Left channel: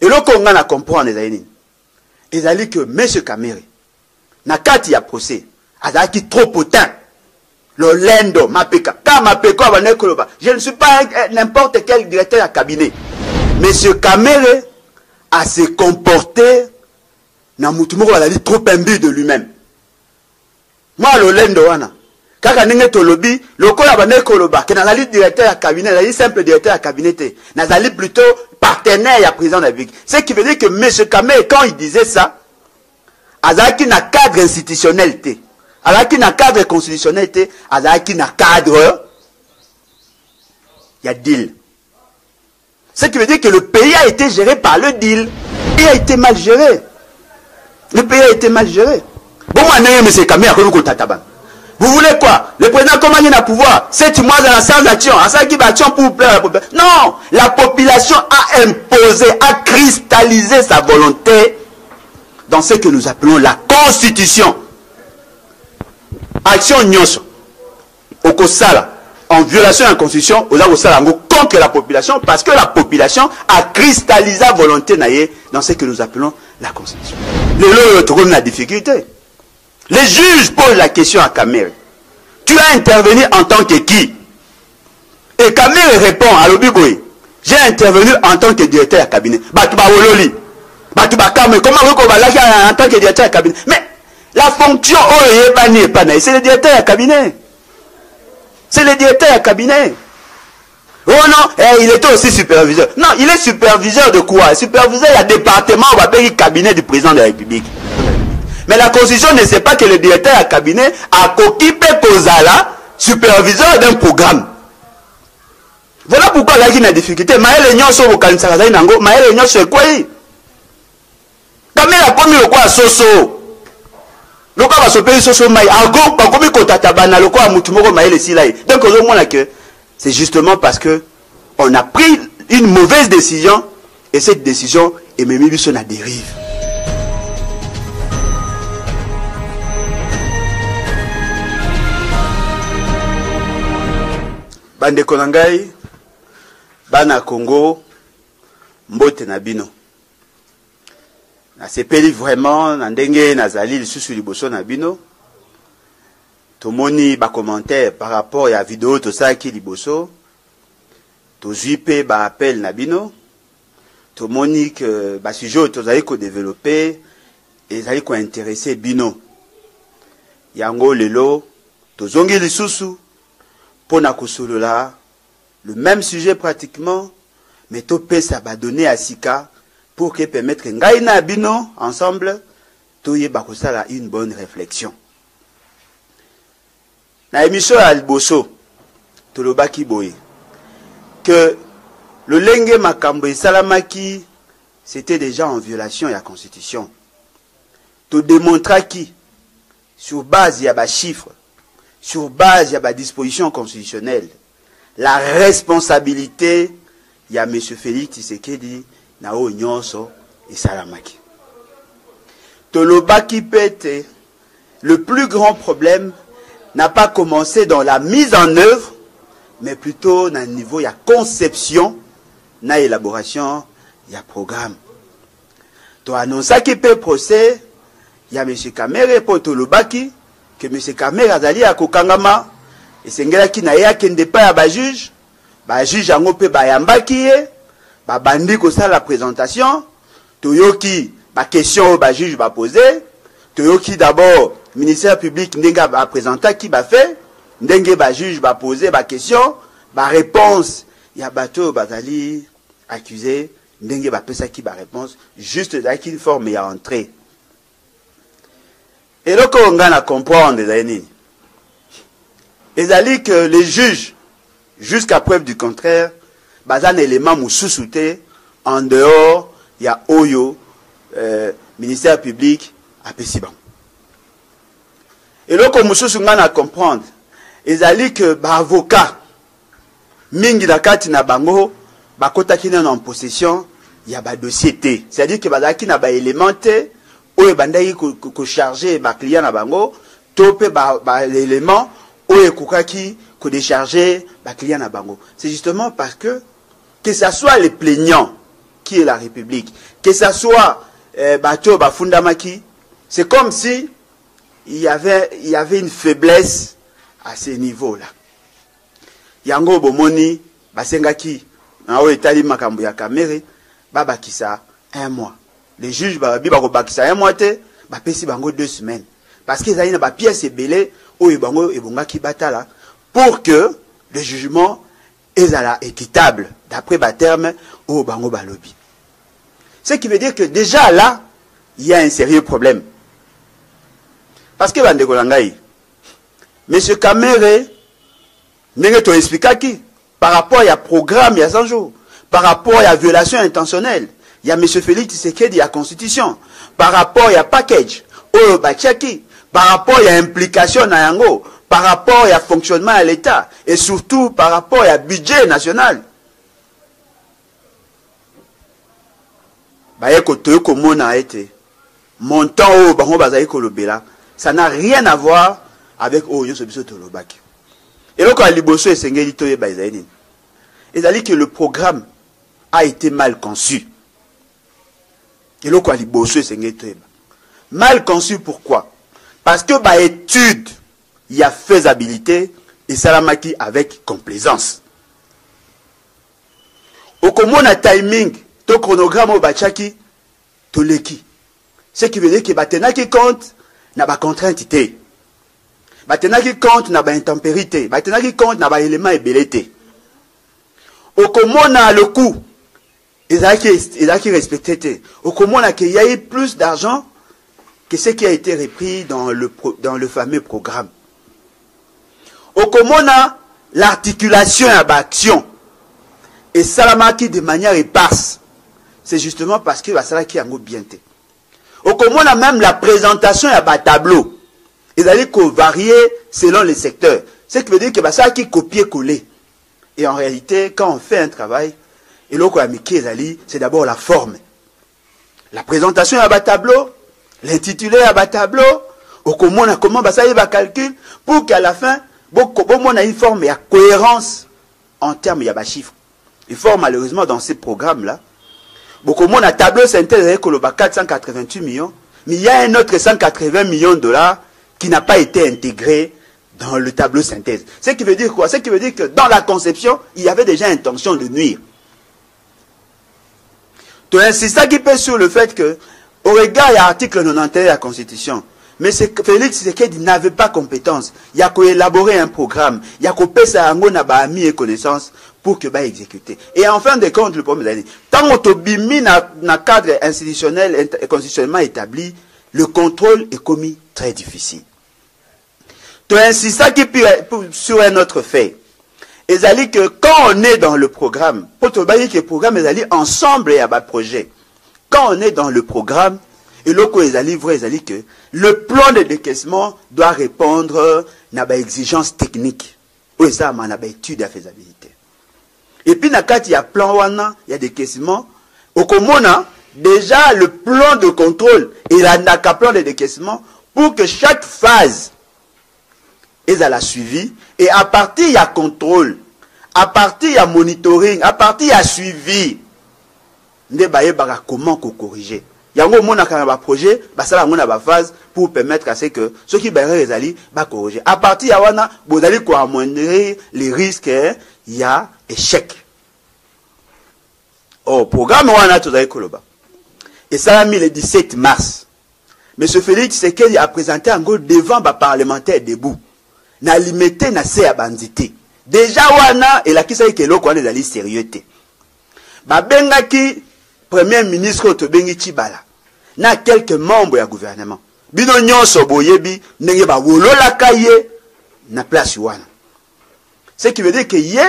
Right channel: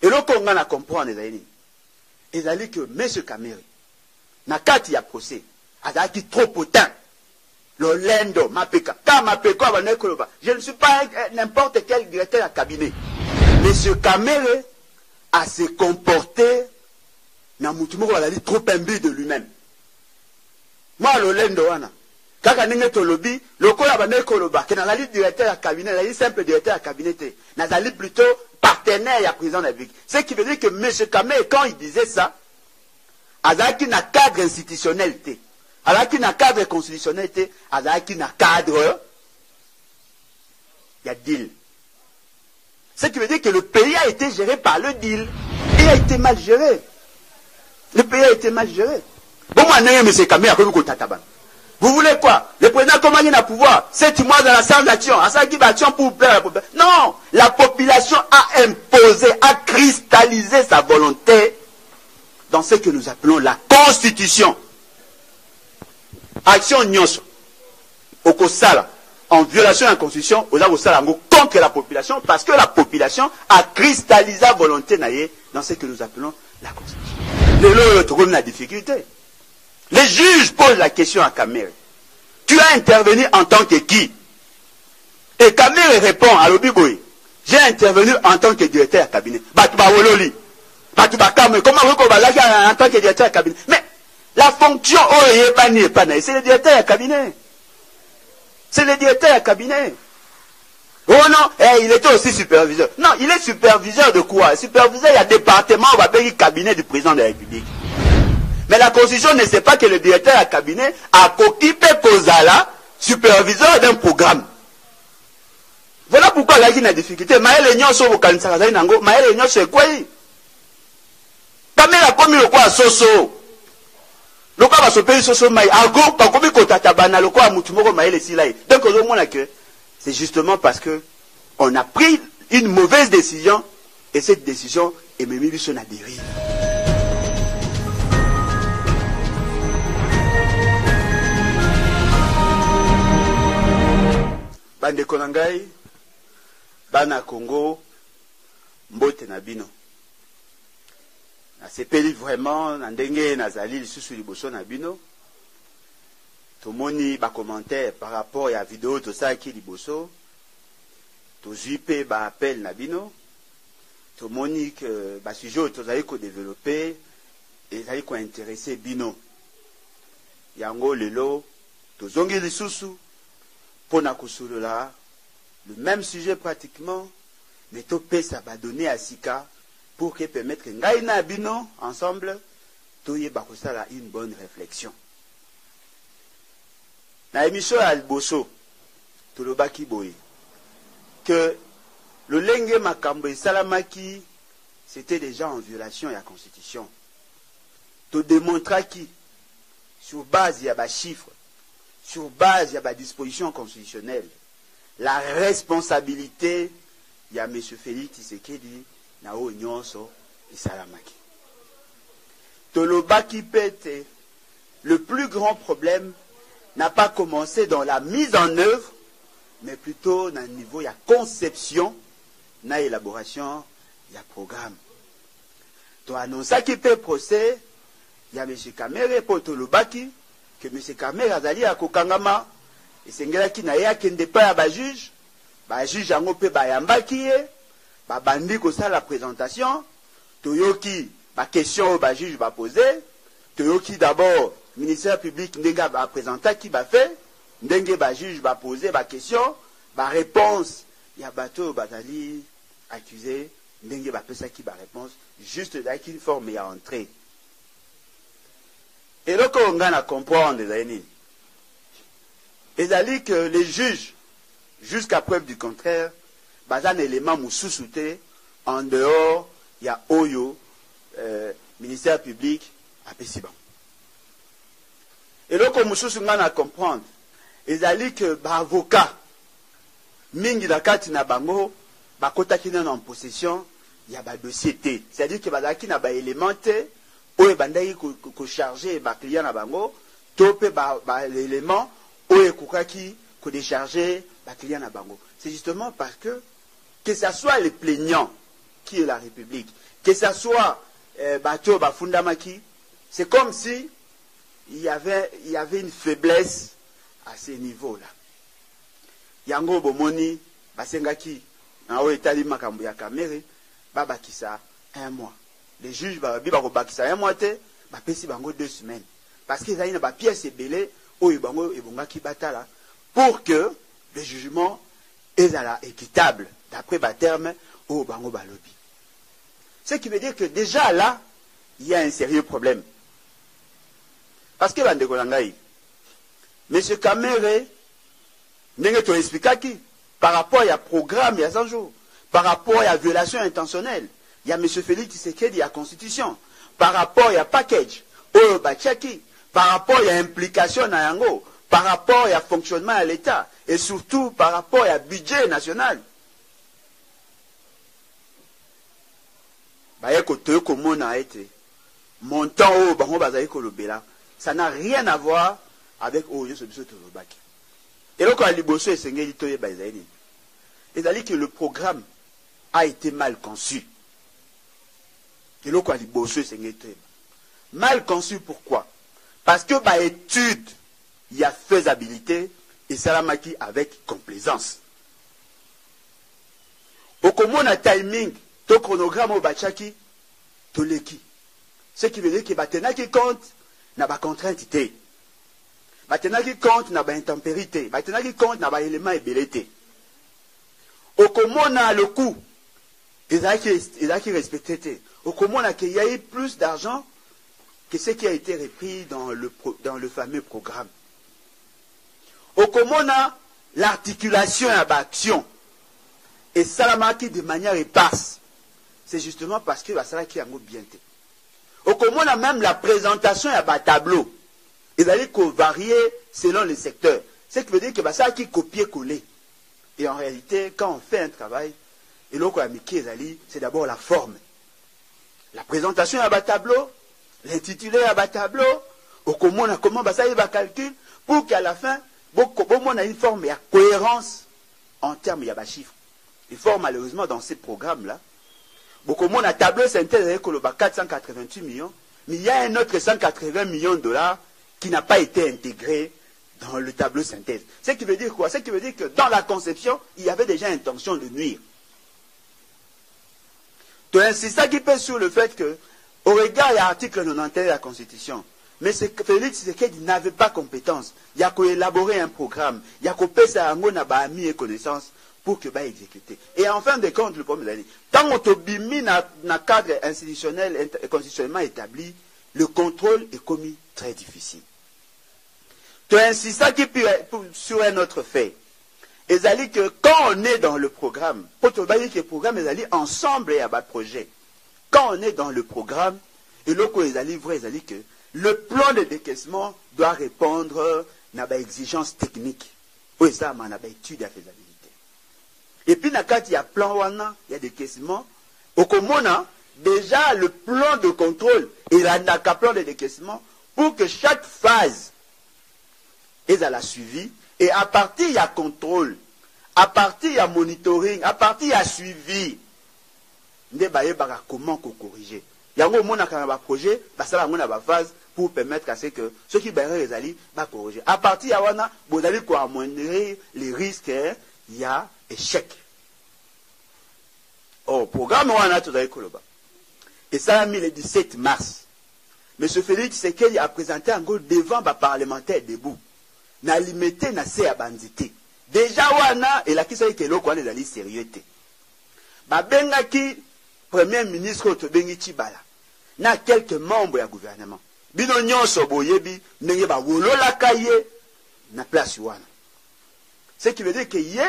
Et là, on a comprendre les amis que M. Kamere, na kati ya procès, azaki trop potin. Le lendo, mapeka. Quand mapeka va nekoloba, je ne suis pas n'importe quel directeur à cabinet. M. Kamere a se comporté, na mutumoko va dire trop imbu de lui-même. Moi, le lendo wana. Kaka nenge tolobi, lokola ba nekoloba, que nazali directeur à cabinet, nazali simple directeur à cabinet, nazali plutôt partenaire à président de la République. Ce qui veut dire que M. Kamere, quand il disait ça, azaki na cadre institutionnel te, azaki na cadre constitutionnel te, azaki na cadre, il y a deal. Ce qui veut dire que le pays a été géré par le deal. Il a été mal géré. Le pays a été mal géré. Bon, moi, M. Kamere, vous voulez quoi? Le président, comment il a pouvoir? 7 mois dans la salle d'action. À ça qui va action pour plaire à la population. Non! La population a imposé, a cristallisé sa volonté dans ce que nous appelons la Constitution. Action nyonso. Okosala. En violation de la Constitution, Osala contre la population, parce que la population a cristallisé la volonté dans ce que nous appelons la Constitution. La difficulté. Les juges posent la question à Kamere. Tu as intervenu en tant que qui? Et Kamere répond à l'Obiboy. J'ai intervenu en tant que directeur à cabinet. Batouba Ololi. Batouba Kamere. Comment vous avez en tant que directeur à cabinet? Mais la fonction, c'est le directeur à cabinet. C'est le directeur à cabinet. Oh non, il était aussi superviseur. Non, il est superviseur de quoi? Superviseur, il y a département, on va payer le cabinet du président de la République. Mais la Constitution ne sait pas que le directeur à cabinet a occupé Kozala, superviseur d'un programme. Voilà pourquoi il y a une difficulté. Maël Nyon sur le Kalinsarazai Nango, Maël Nyon sur quoi? Kamere a commis le quoi à Soso? Le quoi va se payer Soso Maï? Argo, pas commis Kotatabana, le quoi à Moutumoro Maël et Silaï. Donc, au moins, c'est justement parce que on a pris une mauvaise décision et cette décision est même sur la dérive. Bande Konangai, Bana Congo, Mbote Nabino. Na sepeli vraiment, Nandenge, Nazali, le sous liboso Nabino. Tomoni ba commentaire par rapport à la vidéo, tout ça qui liboso. To jupe ba appel Nabino. Tomoni que ba sujet, to zaï ko développer, et zaï ko intéresser Bino. Yango lelo, to zongi li susu. Pour Nakosolola, le même sujet pratiquement, mais topé ça va donner à Sika pour que permettre que Ngaïna Bino ensemble, toye bakosala une bonne réflexion. Na émission à Alboso, Tolobaki Boye, que le Lenge Makambo et Salamaki, c'était déjà en violation de la Constitution. To démontra qui, sur base, il y a des chiffres, sur base, il y a des dispositions constitutionnelles. La responsabilité, il y a M. Félix Tshisekedi, Nao Nyonso et Salamaki. Tolobaki Pete, le plus grand problème n'a pas commencé dans la mise en œuvre, mais plutôt dans le niveau, il y a conception, il y a élaboration, il y a programme. To annonsaki pe procès, il y a M. Kamere pour Tolobaki, que M. Kamere azali à Kokangama, et c'est un qui n'a kende pas à juge, juge en opé bayambaki, bandi ko ça la présentation, toyoki, question juge va poser, toyoki d'abord, ministère public n'enga va présenter qui va fait, n'enga juge va poser question, réponse, il y a bateau bazali accusé, n'enga va ça qui va réponse, juste dans une forme et à entrer. Et donc, on a à comprendre, les amis, que les juges, jusqu'à preuve du contraire, bazan élément moussoussouté, en dehors, il y a Oyo, ministère public, à Pessiban. Et donc, on a à comprendre, les amis, que avocat, mingi dakati na bango, bakota ki en possession, il y a ba dossier T. C'est-à-dire que bazaki na ba élémenté, ou bandai ko charger ma client na bango topé l'élément ou ekukaki ko décharger ma client na bango. C'est justement parce que ça soit les plaignants qui est la République, que ce soit Bato Bafundamaki, c'est comme si il y avait une faiblesse à ce niveau-là. Yango Bomoni, Basengaki, en Etali Makambu ya Kamere, Babakisa 1 mois. Les juges Babakisa 1 mois, Bapesi Bango 2 semaines. Parce qu'ils ont une pièce ébélée, où ils ont batala, pour que le jugement est équitable, d'après le terme, au Bango Balobi. Ce qui veut dire que déjà là, il y a un sérieux problème. Parce que M. Kamere, nous expliqué par rapport à programme il y a 100 jours, par rapport à la violation intentionnelle, il y a M. Félix Tshisekedi, il y a constitution, par rapport à la package, au Bachaki, par rapport à l'implication dans Yango, par rapport à fonctionnement à l'État, et surtout par rapport à budget national. Montant au Bango Bazaï Kolobela, ça n'a rien à voir avec Oyo Sobiso Tolobaki. Et donc, à Liboso et Sengeli Toye Bazaïdine, il a dit que le programme a été mal conçu. Et donc, à Liboso et Sengeli Toye. Mal conçu, pourquoi? Parce que, par étude, il y a faisabilité et Salamaki avec complaisance. Au common timing, ton chronogramme au Bachaki, Toleki. Ce qui veut dire que Batena qui compte, n'a pas contrainte. Batena qui compte, n'a pas intempérité. Batena qui compte, n'a pas élément ébélité. Au common, le coût, ils ont qui respecté. Au common, il y a eu plus d'argent que ce qui a été repris dans le fameux programme. Au common, l'articulation à l'action. Et Salamaki de manière éparse. C'est justement parce que Salaki a bien été. Au common, même la présentation à bas tableau. Ils allaient varier selon les secteurs. Ce qui veut dire que Salaki copier-coller. Et en réalité, quand on fait un travail, et l'autre c'est d'abord la forme. La présentation à bas tableau, l'intitulé à bas tableau, au common, comment ça va calcul, pour qu'à la fin, on a une forme et une cohérence en termes de chiffres. Il faut malheureusement dans ces programmes-là, beaucoup de monde a tableau synthèse avec 488 millions, mais il y a un autre 180 millions de dollars qui n'a pas été intégré dans le tableau synthèse. Ce qui veut dire quoi? Ce qui veut dire que dans la conception, il y avait déjà intention de nuire. C'est ça qui pèse sur le fait que, au regard de l'article 91 de la Constitution, mais Félix Tshisekedi n'avait pas compétence. Il y a qu'à élaborer un programme, il y a qu'à passer à un et connaissance pour que exécuter. Et en fin de compte, le problème, tant qu'on bimi dans le cadre institutionnel et constitutionnellement établi, le contrôle est commis très difficile. C'est ça qui sur un autre fait. Et ça dit que quand on est dans le programme, pour que le programme est ensemble et à bas projet. Quand on est dans le programme, et l'autre est vrai, c'est que le plan de décaissement doit répondre à des exigences techniques. Oui, ça, on a une étude de faisabilité. Et puis, il y a plan il y a des décaissement. Au commun, déjà, le plan de contrôle, il y a un plan de décaissement pour que chaque phase est à la suivi. Et à partir, il y a contrôle. À partir, il y a monitoring. À partir, il y a suivi. Comment corriger? Il y a un projet, ça a phase pour permettre à ce que ceux qui va corriger. À partir de là, vous allez amoindrir les risques, il y a échec. Au programme, on a tout à Koloba. Et ça a mis le 17 mars. M. Félix Tshisekedi a présenté un go devant les parlementaires debout. Na limité na se bandité. Déjà, wana, et la qui sait que l'autre est allé sérieux. Bengaki, premier ministre Otobengi Chibala. Na quelques membres du gouvernement. Bino nyonso boyebi nenge ba wolola kaye na place wana. Ce qui veut dire que yé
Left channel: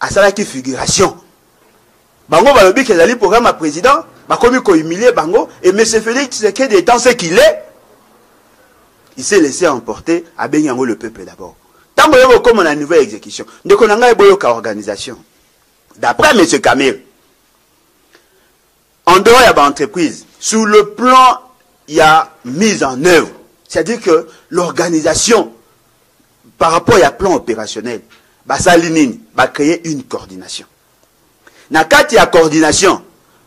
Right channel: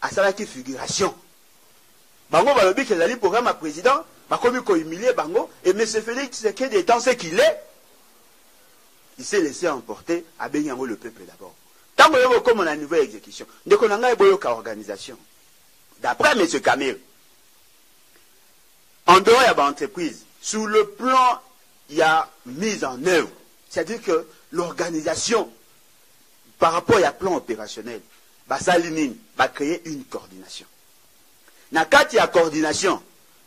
a salaki figuration. Bango balobi ke zali programme à président, ba komi ko humilier bango et M. Félix Tshisekedi étant ce qu'il est, il s'est laissé emporter à benyango le peuple d'abord. Tant que comme on a une nouvelle exécution, de konanga eboyoka organisation. D'après M. Kamere, en dehors il y a une entreprise. Sur le plan, il y a mise en œuvre. C'est-à-dire que l'organisation, par rapport à un plan opérationnel, va créer une coordination. Dans le cas de la coordination,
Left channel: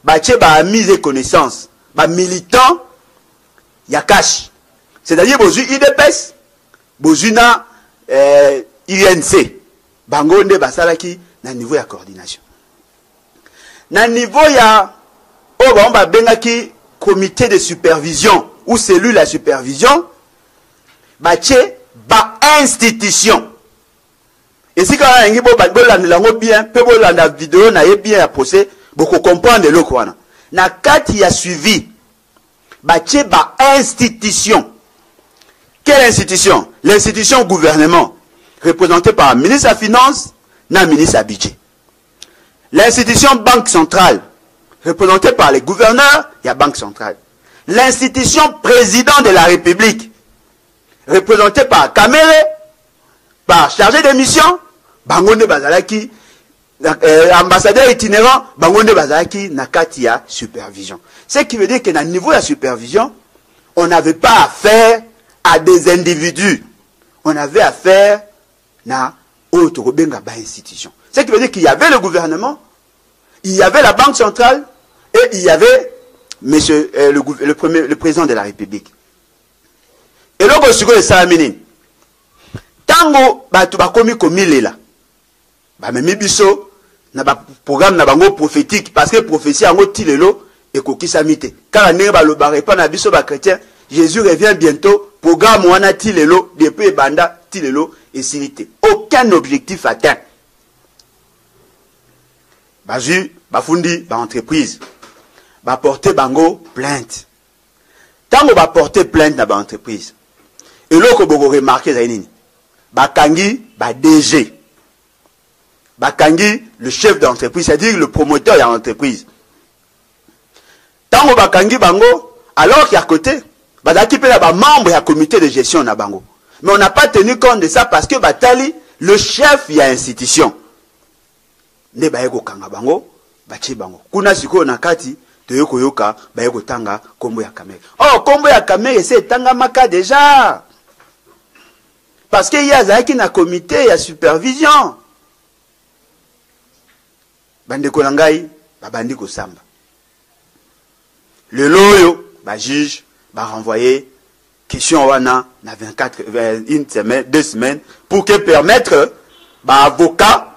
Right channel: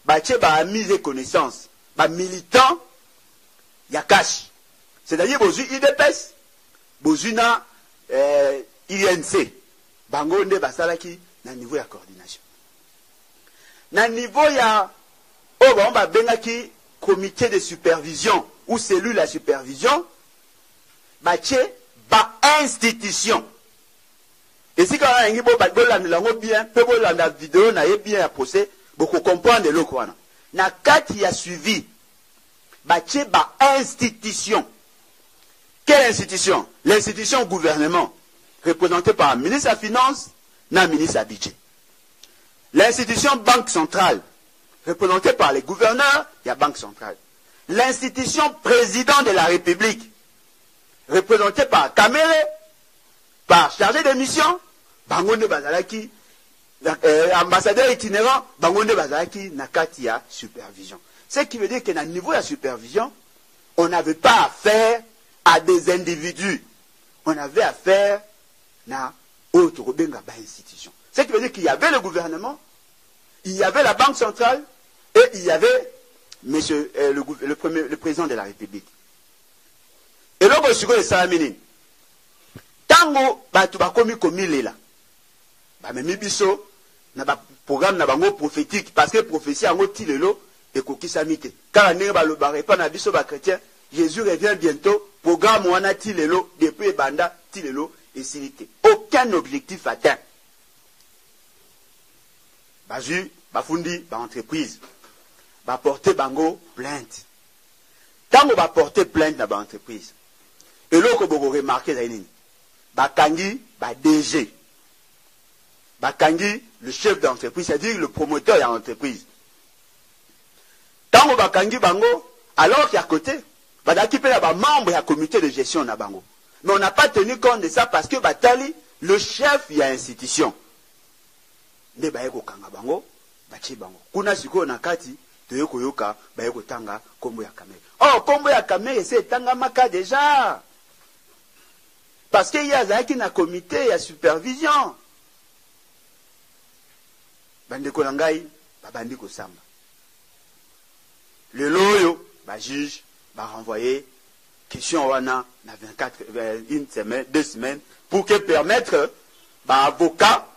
bache ba mise et connaissance, ba militant ya cash. C'est-à-dire bozu IDPS, bozu na INC. Bango nde basalaki na niveau ya coordination. Na niveau ya on ba bengaki comité de supervision ou cellule à supervision, bache ba institution. Et si quand on a bien, peut la vidéo na bien à poser, beaucoup comprendre le quoi. Na kati a suivi, bache ba institution. Quelle institution? L'institution gouvernement, représentée par le ministre de la Finance, na ministre du Budget. L'institution Banque Centrale, représentée par les gouverneurs, il y a Banque Centrale. L'institution Président de la République, représentée par Kamere, par chargé de mission, Bangonde Bazalaki, ambassadeur itinérant, Bangonde Bazalaki, Nakatia, supervision. Ce qui veut dire que dans le niveau de la supervision, on n'avait pas affaire à des individus. On avait affaire à autre institution. Ce qui veut dire qu'il y avait le gouvernement, il y avait la Banque centrale et il y avait le président de la République. Et là, on a Salamini. Tango, tu vas commis comme il est là. Même biso, na ba programme na bango prophétique parce que prophétie en tilelo et koki samite. Car ne ba lo bare pas na biso ba chrétien, Jésus revient bientôt. Programme wana tilelo depuis banda tilelo et silité. Aucun objectif atteint. Bazu, bafundi, ba entreprise, ba porter bango plainte. Tango ba porter plainte na ba entreprise. Et là ko boko remarquer za nini. Ba kangi, ba DG. Bakangi, le chef d'entreprise, c'est-à-dire le promoteur de l'entreprise. Tango Bakangi Bango, alors qu'à côté, Badaki peut avoir membre du comité de gestion na Bango. Mais on n'a pas tenu compte de ça parce que Batali, le chef, il y a institution. Ne Bayeko Kanga Bango, Bachi Bango. Kuna Siko Nakati, Toyoko Yoka, Bayeko Tanga, Kombo ya Kamere. Oh, Kombo ya Kamere, c'est Tanga Maka déjà. Parce qu'il y a Zaki na comité, il y a supervision. Bandeko nangai, babandi ko samba. Le loyo, ba juge, ba renvoyer, question wana, na 24, une semaine, 2 semaines, pour que permettre, ba avocat,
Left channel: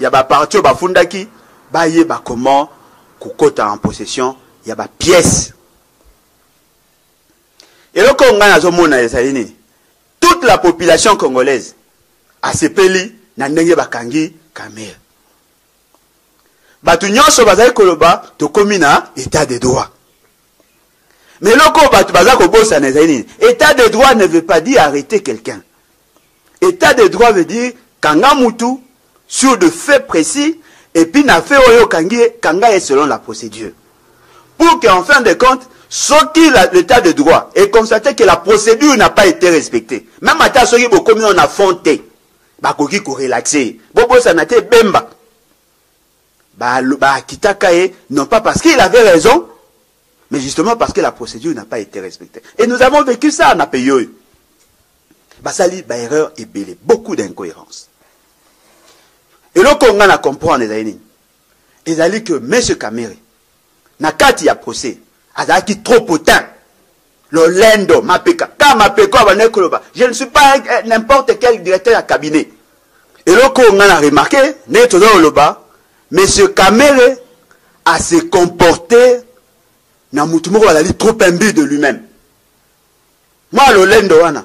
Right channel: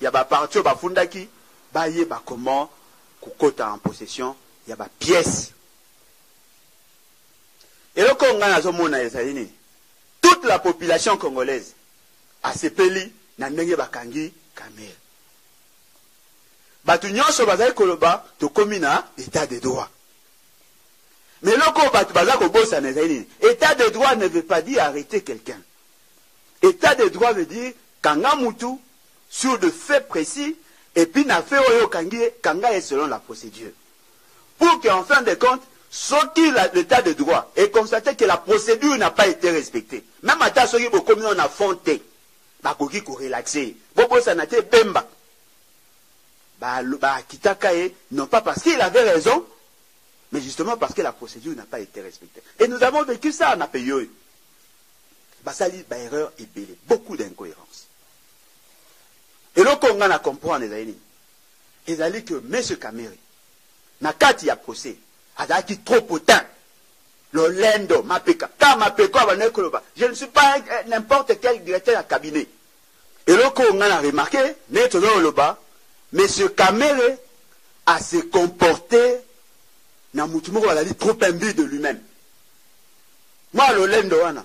ya ba parti, ba fundaki, ba ye ba comment, kukota en possession, ya ba pièce. Et le Congo na zomona esalini, toute la population congolaise, a sepeli, na ndenge bakangi, Kamere. Batu nyonso bazali koloba to komina état de droit. Mais loko batu bazali kobosa na ezali. État de droit ne veut pas dire arrêter quelqu'un. État de droit veut dire kanga mutu sur de faits précis et puis na fait oyo kanga est selon la procédure. Pour qu'en fin de compte, soki l'état de droit est constaté que la procédure n'a pas été respectée. Même ata soki bokomi on a fonté. Bakoki ko relaxer. Bobosa na te bemba. Non pas parce qu'il avait raison, mais justement parce que la procédure n'a pas été respectée. Et nous avons vécu ça en pays. Basali, erreur et belé, beaucoup d'incohérences. Et là, qu'on a compris, les amis, que M. Kamere, Nakati a procès, Azaki trop potin, le lendo, Mapeka, je ne suis pas n'importe quel directeur à cabinet. Et là, qu'on a remarqué, n'est-ce pas, M. Kamere a se comporté trop imbu de lui-même. Moi, le lendo wana,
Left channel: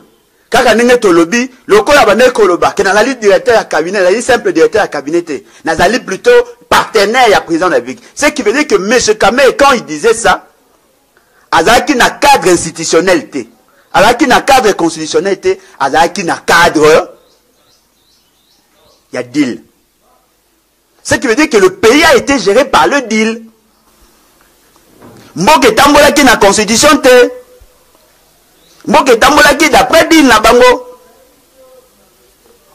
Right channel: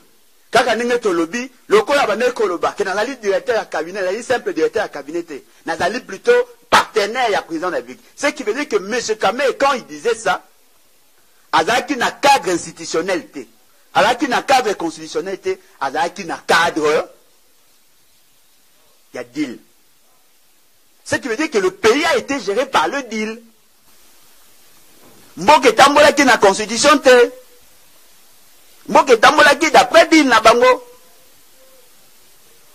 kaka nenge tolobi, lokola bane koloba, ke nazali directeur à cabinet, nazali simple directeur à cabinet, nazali plutôt partenaire à président de la République. Ce qui veut dire que M. Kamere, quand il disait ça, azalaki na cadre institutionnel, azalaki na cadre constitutionnel, azalaki na cadre, il y a deal. Ce qui veut dire que le pays a été géré par le deal. Mboke tambolaki na constitution te. Mboke tambolaki d'après deal na bango.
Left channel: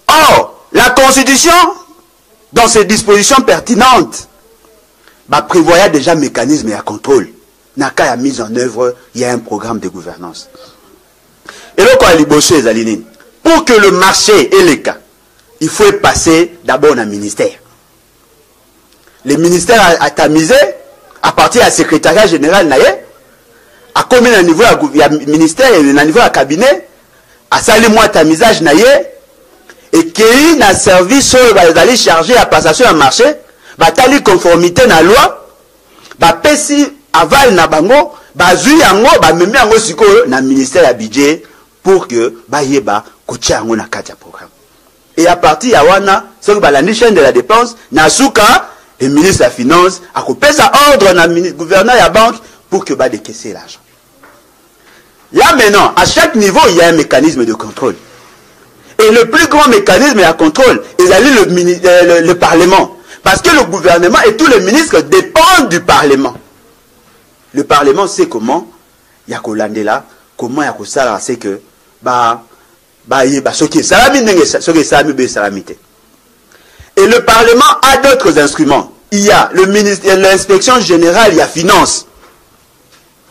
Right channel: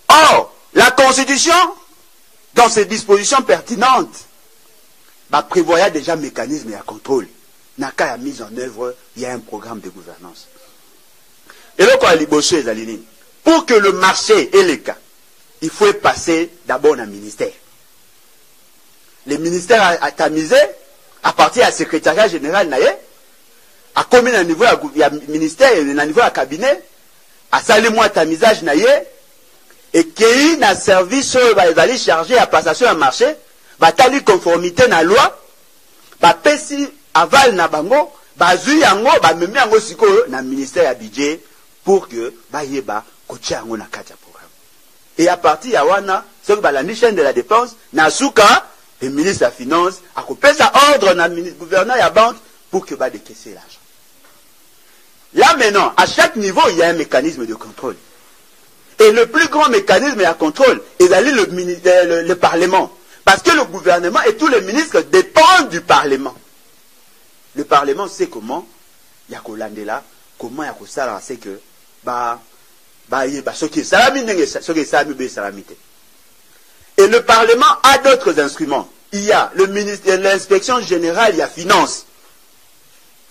Or, la constitution, dans ses dispositions pertinentes, prévoyait déjà mécanisme et contrôle. Naka a mise en œuvre, il y a un programme de gouvernance. Et le quoi liboso les alinines. Pour que le marché ait les cas, il faut passer d'abord dans le ministère. Le ministère a tamisé, à partir du secrétariat général naye, à combien à niveau du ministère et à niveau du cabinet, à sali moi ta misage naye, et qui a service d'aller charger à passation à marché, batali conformité na loi, ba pesi aval na bango, ba zui yango, ba memi yango siko na ministère à budget pour que ba yeba kotia yango na kati ya programme. Et à partir ya wana, c'est que la chaîne de la dépense, na souka, le ministre de la Finance a coupé sa ordre na gouverneur et la banque pour que ba décaisser l'argent. Là maintenant, à chaque niveau, il y a un mécanisme de contrôle. Et le plus grand mécanisme de contrôle, c'est le Parlement. Parce que le gouvernement et tous les ministres dépendent du Parlement. Le Parlement sait comment, il y a là, comment il y a ça, c'est que, et le Parlement a d'autres instruments. Il y a l'inspection générale, il y a finance.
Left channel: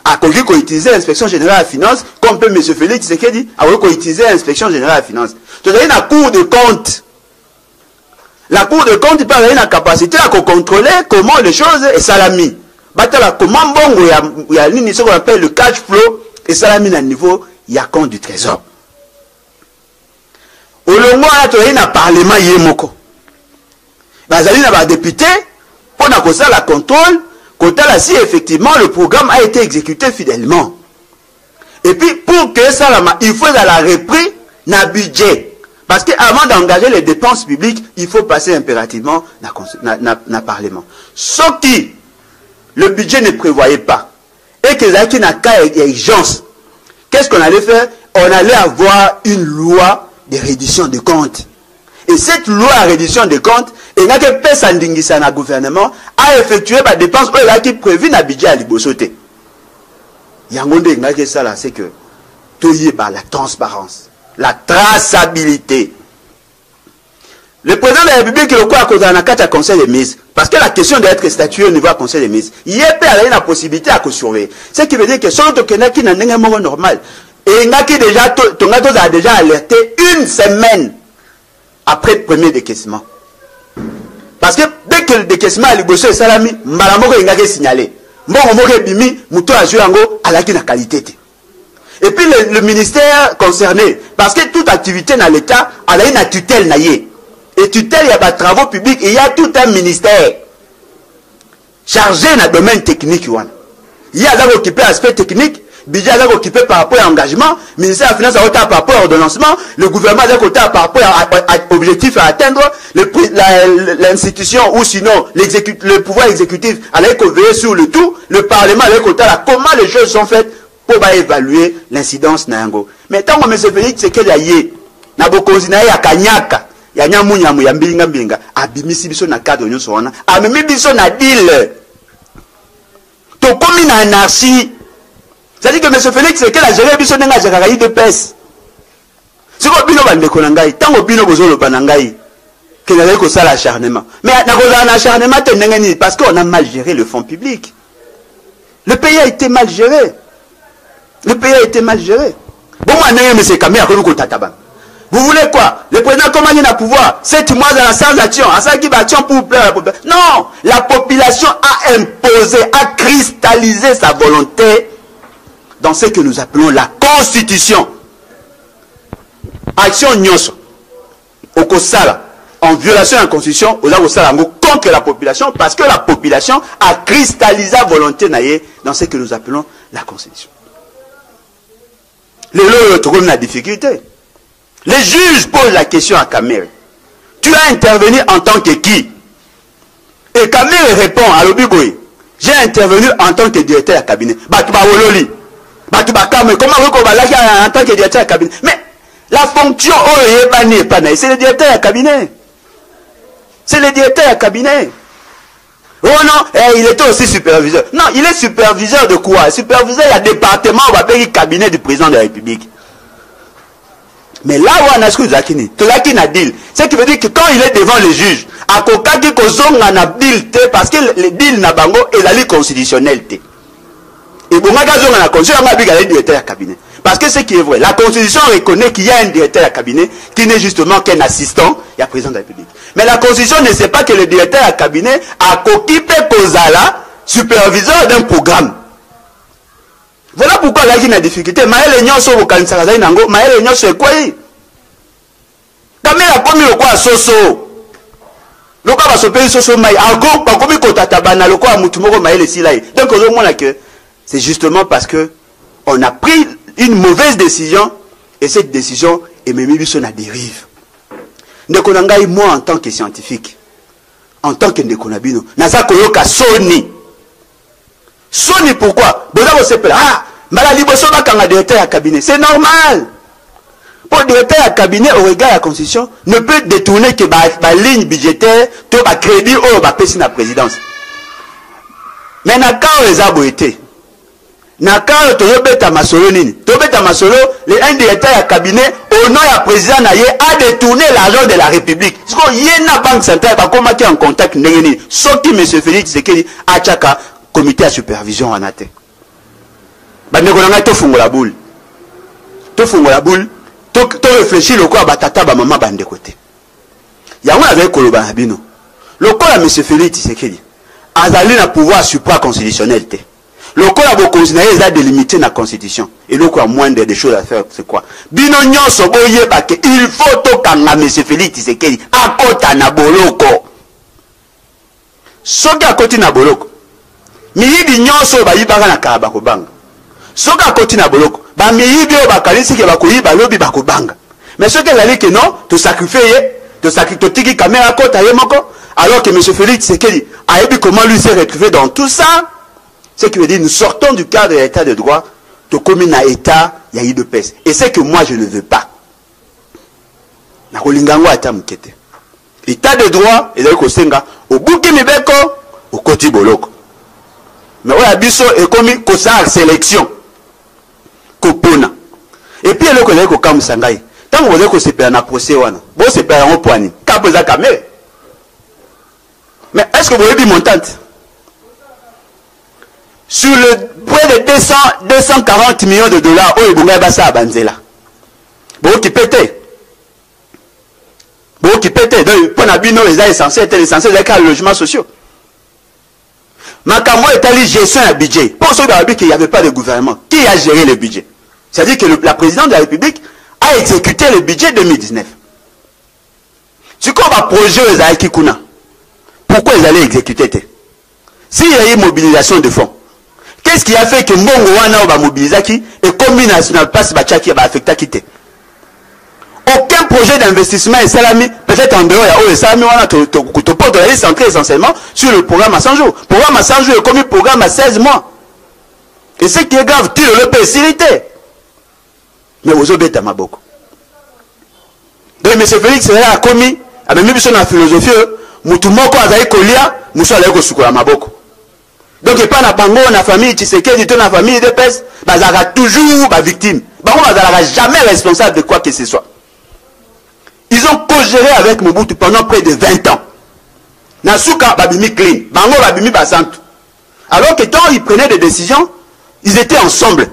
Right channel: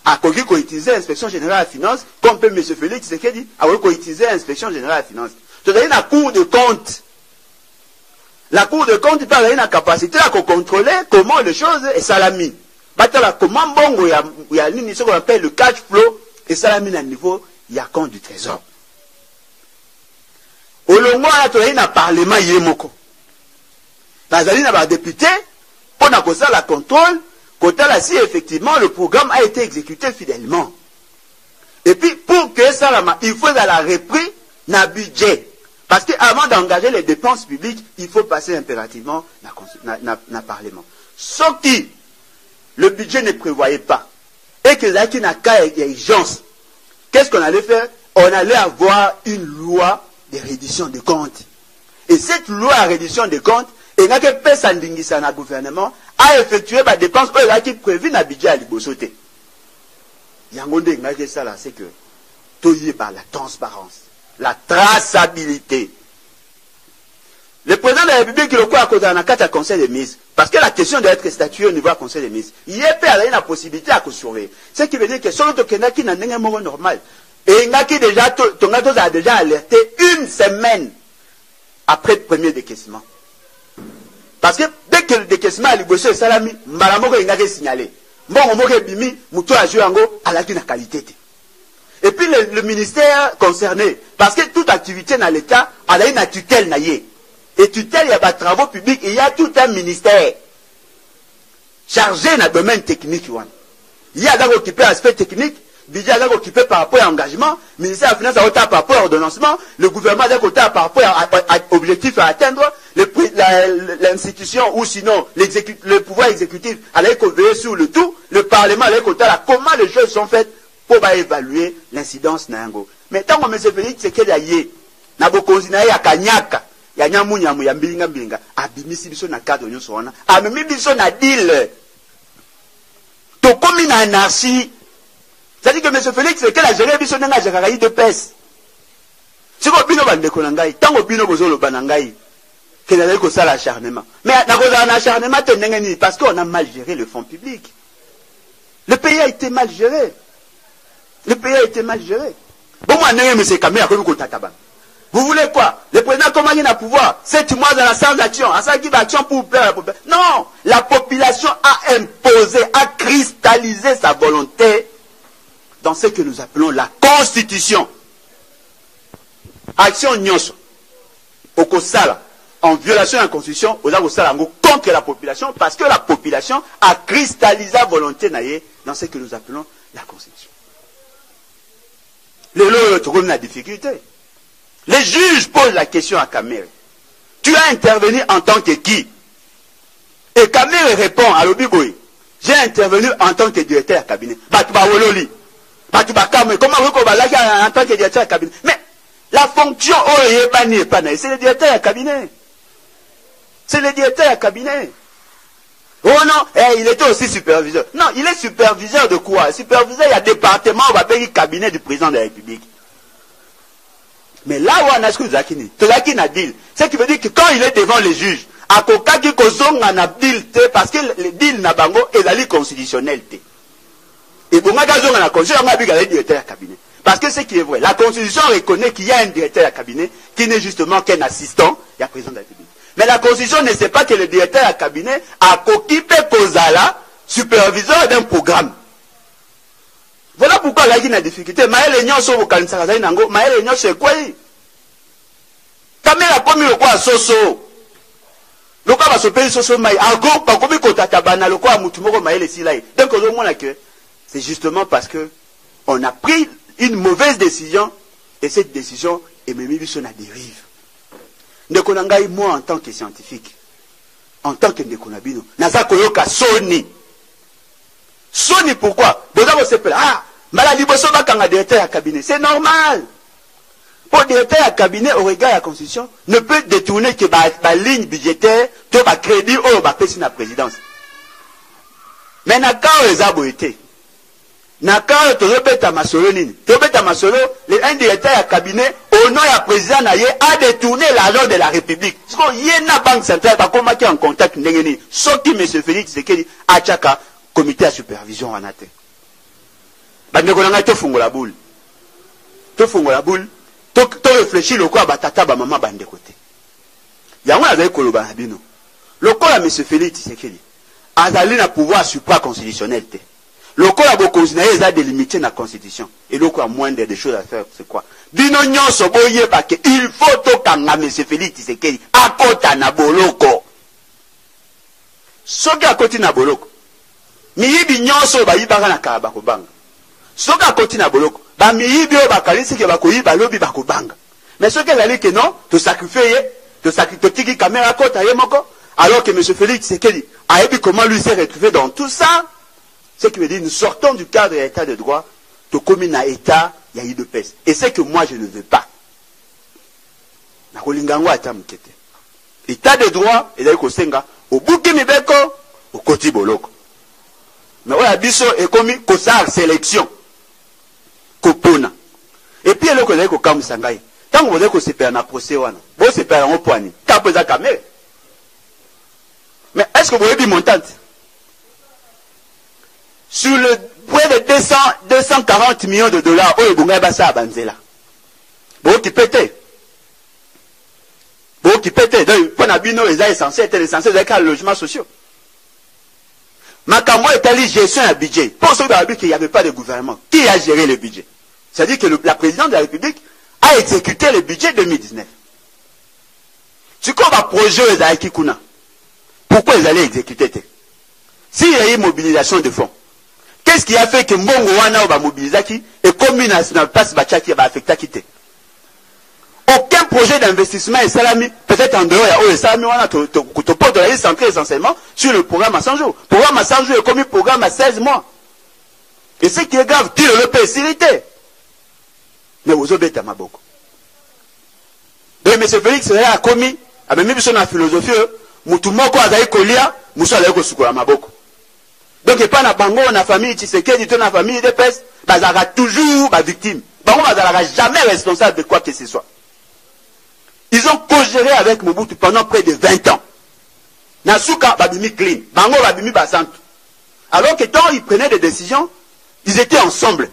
À quoi utiliser l'inspection générale à finance, comme peut M. Félix Tshisekedi, à quoi utiliser l'inspection générale à finance. Tu as la Cour de compte. La Cour de compte peut avoir la capacité à contrôler comment les choses est salami. Comment bon, il y a ce qu'on appelle le cash flow et salami à niveau, il y a compte du trésor. Au long tu as un parlement yémoko. Bazali na député, on a comme ça la contrôle. Si effectivement le programme a été exécuté fidèlement. Et puis pour que ça, il faut la repris na budget. Parce qu'avant d'engager les dépenses publiques, il faut passer impérativement na Parlement. Sauf qui le budget ne prévoyait pas. Et que là, qui n'a qu'à urgence. Qu'est-ce qu'on allait faire? On allait avoir une loi de reddition de comptes. Et cette loi à reddition des comptes, il n'y a que personne qui le gouvernement a effectué des dépenses qui est prévues dans le budget à Libosoté. Il y a un que ça là, c'est que tout y est par la transparence, la traçabilité. Le président de la République, le quoi à cause d'un conseil des ministres, parce que la question d'être statué au niveau du conseil des ministres, il y a la possibilité à surveiller. Ce qui veut dire que si on a un normal, et il y a déjà alerté une semaine après le premier décaissement. Parce que dès que le décaissement a liboso et salami, malamoko est signalé. Mbongo bimi, muto a joué à la qualité. Et puis le ministère concerné, parce que toute activité dans l'État, elle a une tutelle naïe. Et tutelle, il y a des travaux publics, et il y a tout un ministère chargé dans le domaine technique. Il y a des occupé l'aspect technique. Budget est occupé par rapport à l'engagement, le ministère de la Finance est occupé par rapport à l'ordonnancement, le gouvernement est occupé par rapport à l'objectif à atteindre, l'institution ou sinon le pouvoir exécutif allait veiller sur le tout, le Parlement allait occupé à comment les choses sont faites pour évaluer l'incidence Nango. Mais tant que M. Félix Tshisekedi a yé, n'a pas continué à Kanyaka, il y a un mounya mouya mbinga mbinga, a bimisi biso na cadre de wana, a mimi biso na deal. Tout comme une anarchie. C'est-à-dire que M. Félix, c'est qu'il a géré biso nenga jakayi de pes. Si vous bino bande konangai, tant que bino bozolo banangai, qu'il y a que ça l'acharnement. Mais un acharnement parce qu'on a mal géré le fonds public. Le pays a été mal géré. Le pays a été mal géré. Bon, moi, M. Kamé, vous voulez quoi? Le président comment il a pouvoir 7 mois dans la sans action, à ça qui va action pour plaire à la population. Non, la population a imposé, a cristallisé sa volonté dans ce que nous appelons la Constitution. Action Nyoso, au Kosala, en violation de la Constitution, aux Kosala, contre la population, parce que la population a cristallisé la volonté dans ce que nous appelons la Constitution. Le trouve la difficulté. Les juges posent la question à Kamere. Tu as intervenu en tant que qui? Et Kamere répond à l'Obiboy. J'ai intervenu en tant que directeur de cabinet. Batouba-Ololi. Comment en tant que directeur de cabinet? Mais la fonction, c'est le directeur de cabinet. C'est le directeur de cabinet. Oh non, il était aussi superviseur. Non, il est superviseur de quoi? Superviseur, il y a département, on va payer le cabinet du président de la République. Mais là où on a ce que Zakini, a dit, ce qui veut dire que quand il est devant les juges, à Kokaki Kozong en a deal, parce que le deal n'a bango est la constitutionnalité. Et bon, on a la constitution, on a dit directeur de cabinet. Parce que ce qui est vrai, la constitution reconnaît qu'il y a un directeur de cabinet qui n'est justement qu'un assistant, il y a président de la République. Mais la constitution ne sait pas que le directeur de cabinet a occupé Kozala superviseur d'un programme. Voilà pourquoi il y a une difficulté. Maël Nyon so vokanisaka zali nango, Maël Nyon so quoi? Kamera komi le quoi soso. Le quoi va se payer soso mai. Encore pas komi kotatabana le quoi mutu moko Maël silai. Donc au moins que c'est justement parce que on a pris une mauvaise décision et cette décision est même mise sur la dérive. Ndekonangai moi en tant que scientifique, en tant que Ndekonabino, naza koyoka Sony. Sony pourquoi? Ah, malali boso bakanga directeur à cabinet. C'est normal. Pour directeur à cabinet au regard de la constitution ne peut détourner que la ligne budgétaire, tout le crédit ou la présidence. Mais n'a les aboïtés. Nakao toyobeta masolo nini. Tobeta masolo, un directeur à cabinet au nom du président Naye a détourné l'argent de la République. Ce qu'on y a banque centrale pas comment qui en contact n'engeni. Sauf que M. Félix Tshisekedi a chaka comité de supervision en athée. Bandekolanga to fungola boule. To fungola boule. To réfléchir le quoi batata ba maman bande côté. Yango avec koloba bino. Le quoi M. Félix Tshisekedi azali na pouvoir supra constitutionnel te. Le code a continué à délimiter la constitution. Et le quoi moindre des choses à faire, c'est quoi? Bino nyonso boye bake, il faut to kanga M. Félix Tshisekedi akota na boloko. Soki akoti na boloko. Miyibi nyonso ba yibaka na karabako banga. Soki akoti na boloko. Ba miyibi o bakalisi ke bakoyiba lobi bakobanga. Mais ce que j'allais que non, to sacrifier, to tiki caméra kota yemoko, alors que M. Félix Tshisekedi a vu comment lui s'est retrouvé dans tout ça. Ce qui veut dire, nous sortons du cadre de l'état de droit, de commune à état, il y a eu de paix. Et c'est que moi, je ne veux pas. État de droit, et donc au Senga, au Bouki Mibeko, au Koti Boloko. Mais ouais, Abisso est commis que ça, sélection. Kopona. Et puis, il y a le Kam Sangai. Tant que vous avez que c'est un procès, vous c'est pas un point. Kapoza Kamé. Mais est-ce que vous avez dit montante? Sur le près de 240 millions de dollars, oh, il y a ça à Banzela. Bon, qui pète. Bon, qui pète. Pour Nabino, les essentiels étaient essentiels avec les logements sociaux. Makamo est allé gestion un budget. Pour ceux qu'il n'y avait pas de gouvernement, qui a géré le budget? C'est-à-dire que la présidente de la République a exécuté le budget 2019. C'est quoi va projet les Aïkikouna? Pourquoi ils allaient exécuter? S'il y a eu mobilisation de fonds, qu'est-ce qui a fait que Mbongo Wana va mobiliser qui et combien national passe Bachaki va affecter quitter? Aucun projet d'investissement est salami, peut-être en dehors, il y a salami, on a te porte la liste centrée essentiellement sur le programme à 100 jours. Le programme à 100 jours est comme un programme à 16 mois. Et ce qui est grave, tu le peux faciliter. Mais vous avez ma beaucoup. Donc, M. Félix a commis, a même mis sur la philosophie, Moutoumoko a zaï kolia, Moussa a zaï kosukola ma beaucoup. Donc, il n'y a pas de bango, la famille Tshisekedi, la famille de PES, ils seront toujours victimes. Bango ne sera jamais responsable de quoi que ce soit. Ils ont co-géré avec Mobutu pendant près de 20 ans. Nasuka babimi clean, bango babimi basantu. Alors que quand ils prenaient des décisions, ils étaient ensemble.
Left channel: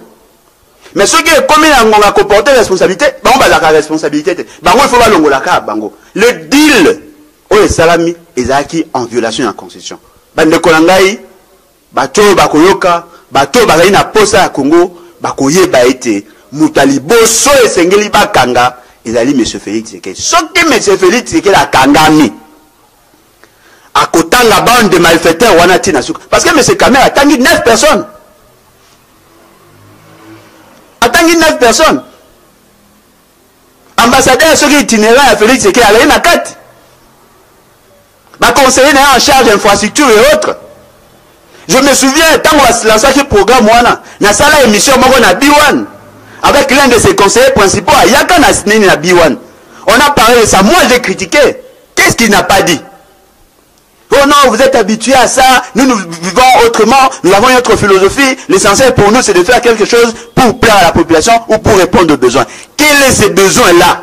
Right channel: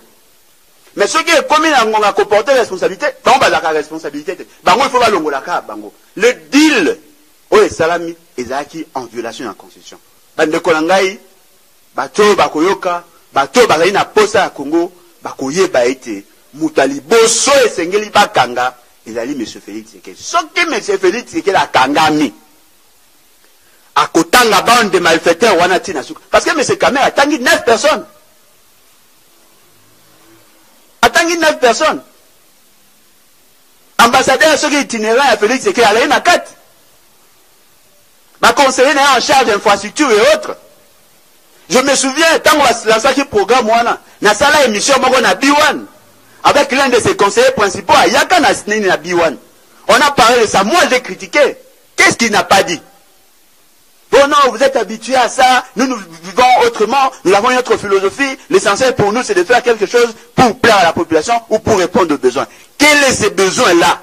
Mais ceux qui ont comporté responsabilité, bango la responsabilité. Bango il faut pas l'ongolaka bango. Le deal, oh salami, ils acquis en violation de la constitution. Bande kolangai. Bato bakoyoka, bato bazali na posa ya Congo, bakoyeba ete mutali boso esengeli bakanga, ezali M. Félix Tshisekedi. Soki M. Félix Tshisekedi akangami, akotanga bande de malfaiteurs wana tina suka. Parce que M. Kamer atangi 9 personnes. Atangi 9 personnes. Ambassadeur soki itinérant à Félix Tshisekedi alayi na 4. Conseiller en charge d'infrastructure et autres. Je me souviens, quand on a lancé ce programme, on a une émission na B1 avec l'un de ses conseillers principaux, Yaka Nasnini na B1. On a parlé de ça. Moi, j'ai critiqué. Qu'est-ce qu'il n'a pas dit? Oh non, vous êtes habitués à ça. Nous vivons autrement. Nous avons une autre philosophie. L'essentiel pour nous, c'est de faire quelque chose pour plaire à la population ou pour répondre aux besoins. Quels sont ces besoins-là?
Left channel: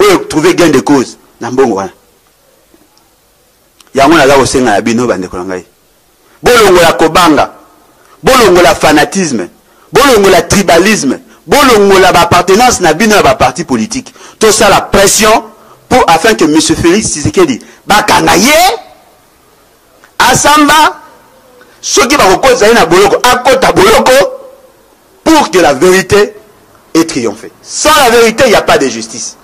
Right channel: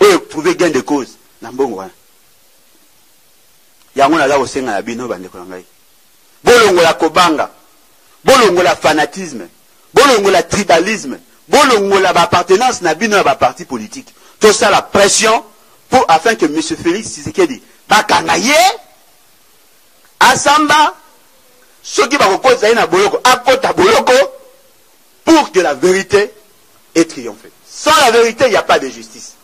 Où trouver gain de cause? Nambongo. Yango na gawo senga bino bande kolangai. Bolongo la kobanga, bolongo la fanatisme, bolongo la tribalisme, bolongo la appartenance na bino à parti politique. Tout ça la pression pour afin que M. Félix Tshisekedi bakangaye Asamba Ceux qui vont continuer à boloko, à côté boloko, pour que la vérité ait triomphé. Sans la vérité, il n'y a pas de justice.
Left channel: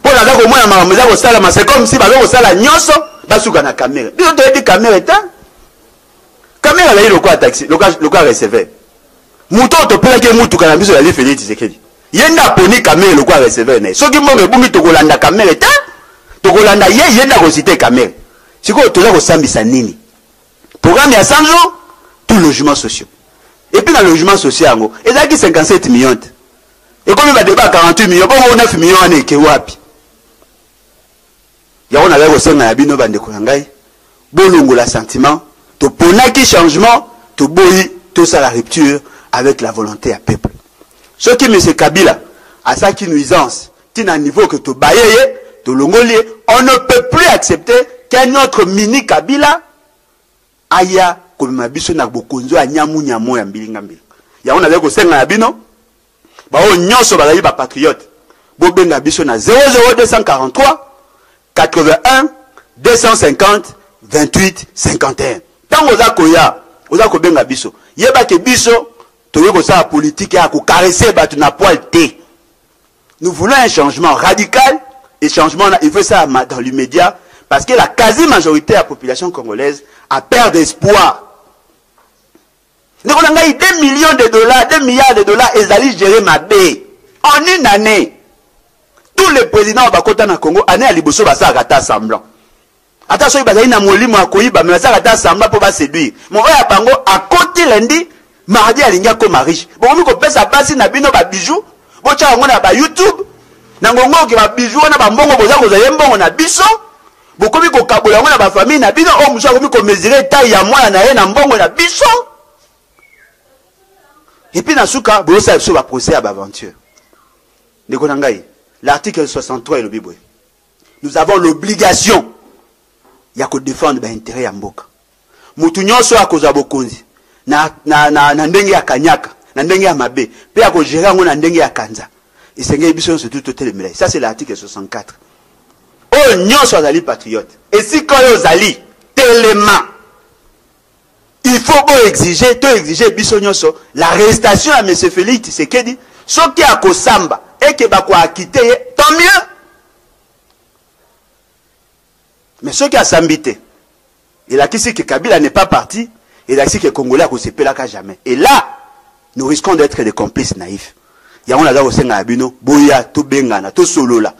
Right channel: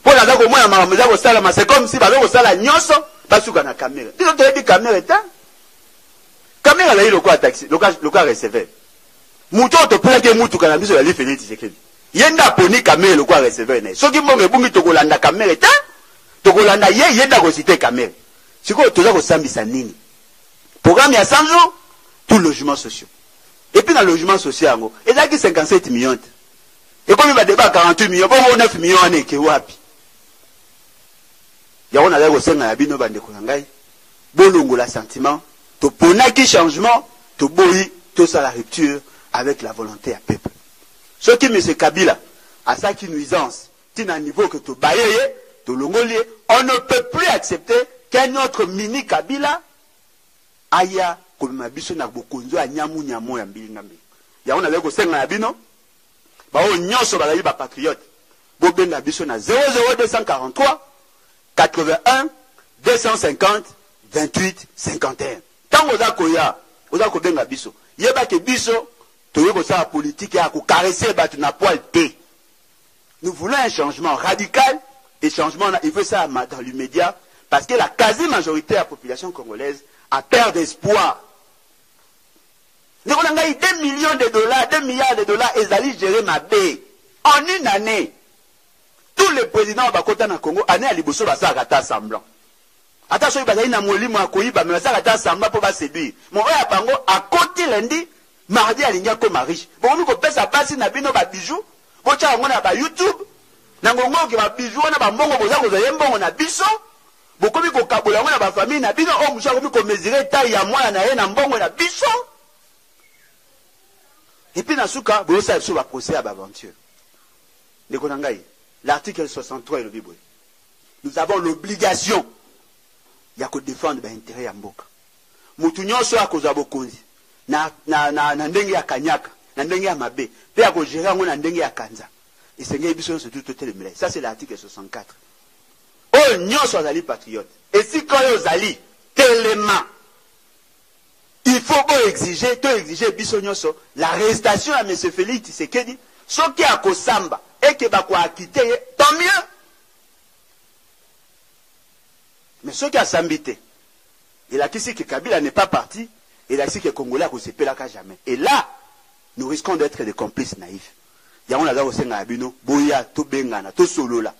Pour la vérité, c'est comme si la nyonso, basuka na caméra. Puis on te dit caméra est un. Caméra là, il y a quoi taxi, le quoi recevoir. Mouton te peut que moutou kana biso la li Félix Tshisekedi. Yenda poni caméra le quoi recevoir né. Soki mbonge bumi to kolanda caméra est un. To kolanda yenda ko citer caméra. Siko to la ko sambisa nini. Programme ya 100 jours, tout logement social. Et puis dans le logement social, il y a 57 millions. Et comme il va débat 48 millions, bon, on a 9 millions, on est qui wapi. Il y a un ala au na bino bande kolangai. Bon longo la sentiment, to ponaki changement, to boyi, to ça la rupture avec la volonté à peuple. Ce qui M. Kabila a ça qui nuisance, qui n'a niveau que to bayeye, to longolier, on ne peut plus accepter qu'un autre mini Kabila aya comme biso na bokonzo ya nyamu nyamo ya mbilinga mbili. Ya on a ko senga na bino. Ba o nyonso ba ba patriote. Bo benga biso na 00243 81 250 28 51. Tango za koya, oza ko benga biso. Yeba ke biso toye ko sa politique ya ko caresser batu na poil té. Nous voulons un changement radical et changement il faut ça dans l'immédiat parce que la quasi-majorité de la population congolaise a perdu espoir. Nous avons 2 millions de dollars, 2 milliards de dollars, et ils allaient gérer ma baie. En une année, tous les présidents au Congo, année à Liboso, ça a semblant. Attention, il y a un molimo à Koyiba, mais ça a semblant pour séduire. Mon frère Pango, à côté lundi, mardi à l'Inga comme riche. Bon, on peut ça passer na bino ba bijoux, bon, tu as un YouTube, nangongo qui va bijoux, on a un bongo, on a biso. Bokomi ko kabola ngona ba famille na bino o musha komi ko mesurer taille ya mwana na ye na mbongo na biso. Et puis na suka bo sa so ba procès à aventure. Ndeko na ngai, l'article 63 et le Bible. Nous avons l'obligation ya ko défendre ba intérêt ya mboka. Mutu nyonso akoza bokonzi na ndenge ya kanyaka, na ndenge ya mabe, pe ya ko gérer ngona ndenge ya kanza. Isenge biso so tout telemela. Ça c'est l'article 64. Oh, nous sommes des patriotes. Et si quand nous allons tellement, il faut exiger l'arrestation à M. Félix Tshisekedi, ce qui a Kosamba et qui va quitter, tant mieux. Mais ce qui a Sambité, il a dit que Kabila n'est pas parti, il a dit que les Congolais ne se pèlent jamais. Et là, nous risquons d'être des complices naïfs. Il y a un adage au Sénat, Boya, to Bengana, to Solola.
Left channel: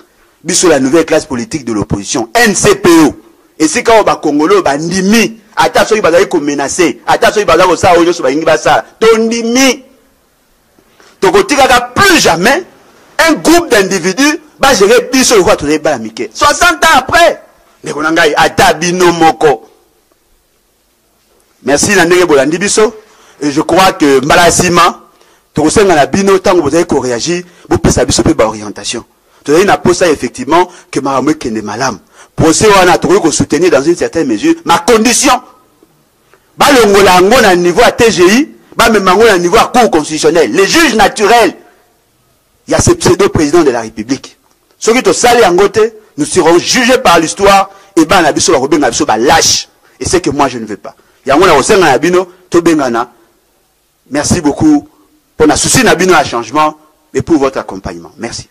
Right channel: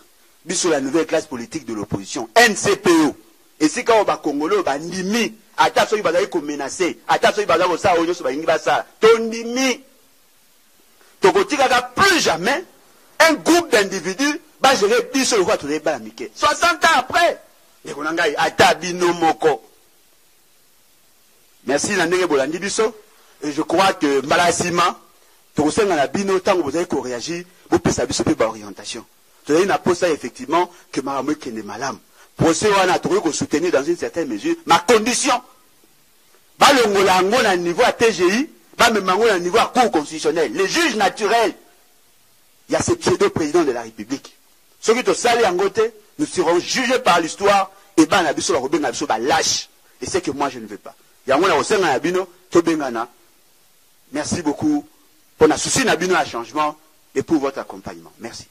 Biso la nouvelle classe politique de l'opposition, NCPO. Et c'est quand on va Congolo, on va ndimi. Attention, il va aller menacer. Attention, il va aller ça, on va ça. Tondimi. Donc, on tira plus jamais un groupe d'individus va gérer biso le roi tout les balamike. 60 ans après. Mais on a atabino moko. Merci Nandenge Bolandi biso. Et je crois que Malasima, tout ça dans la bino, tant que vous avez réagi, vous pouvez savoir biso par orientation. Tu as pour ça effectivement que Maramé Kende Malam. Pour ça, on a trouvé qu'on soutenir dans une certaine mesure ma condition. Bah le Ngolango à niveau à TGI, bah même à niveau à Cour constitutionnelle. Les juges naturels, il y a ce pseudo-président de la République. Ceux qui te salent en côté, nous serons jugés par l'histoire et bah nabiso Robin nabiso bah lâche. Et c'est que moi je ne veux pas. Il y a un aussi un abino, Tobengana. Merci beaucoup pour la souci nabino à changement et pour votre accompagnement. Merci.